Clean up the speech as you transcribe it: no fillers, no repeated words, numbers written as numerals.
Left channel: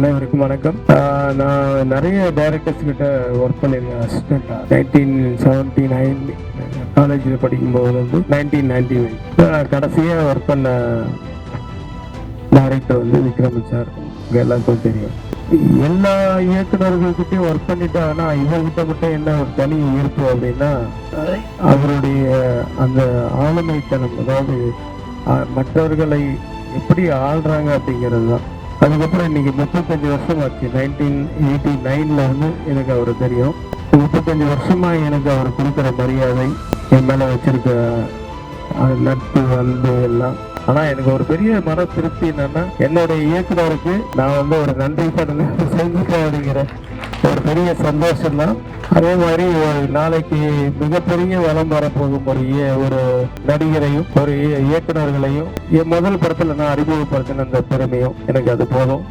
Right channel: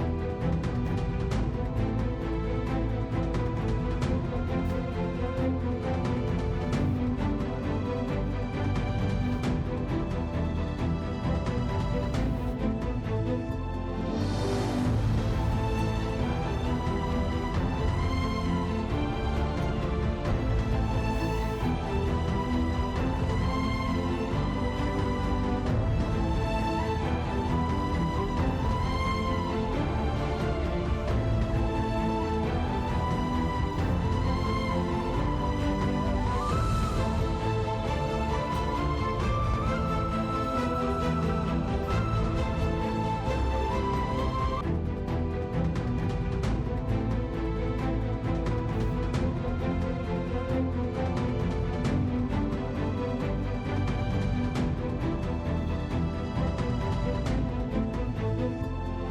அனைவருக்கும் வணக்கம். நான் நிறைய டைரக்டர்ஸ் கிட்ட ஒர்க் பண்ணியிருக்கேன் அசிஸ்டண்டா. 1979 காலேஜில் படிக்கும்போது வந்து 1990 கடைசியாக ஒர்க் பண்ண டைரக்டர் வந்து விக்ரம் சார். எல்லாருக்கும் தெரியும். எல்லா இயக்குநர்கள்கிட்டையும் ஒர்க் பண்ணிட்டா, ஆனால் இவர்கிட்ட மட்டும் என்ன ஒரு தனி ஈர்ப்பு அப்படின்னா, அவருடைய அந்த ஆளுமைத்தனம், அதாவது மற்றவர்களை எப்படி ஆள்றாங்க அப்படிங்கிறது தான். அதுக்கப்புறம் இன்னைக்கு 35 வருஷம் ஆச்சு. 1989 வந்து எனக்கு அவர் தெரியும். 35 வருஷமா எனக்கு அவர் கொடுக்குற மரியாதை, என் மேல வச்சிருக்க நட்பு, அன்பு எல்லாம். ஆனா எனக்கு ஒரு பெரிய மன திருப்தி என்னன்னா, என்னுடைய இயக்குனருக்கு நான் வந்து ஒரு நன்றி கடன் செஞ்சுட்டேன் அப்படிங்கிற ஒரு பெரிய சந்தோஷம் தான். அதே மாதிரி ஒரு நாளைக்கு மிகப்பெரிய வளம் வரப்போகும் ஒரு நடிகரையும் ஒரு இயக்குனர்களையும் என் முதல் படத்துல நான் அறிமுகப்படுத்தின அந்த பெருமையும் எனக்கு அது போதும்.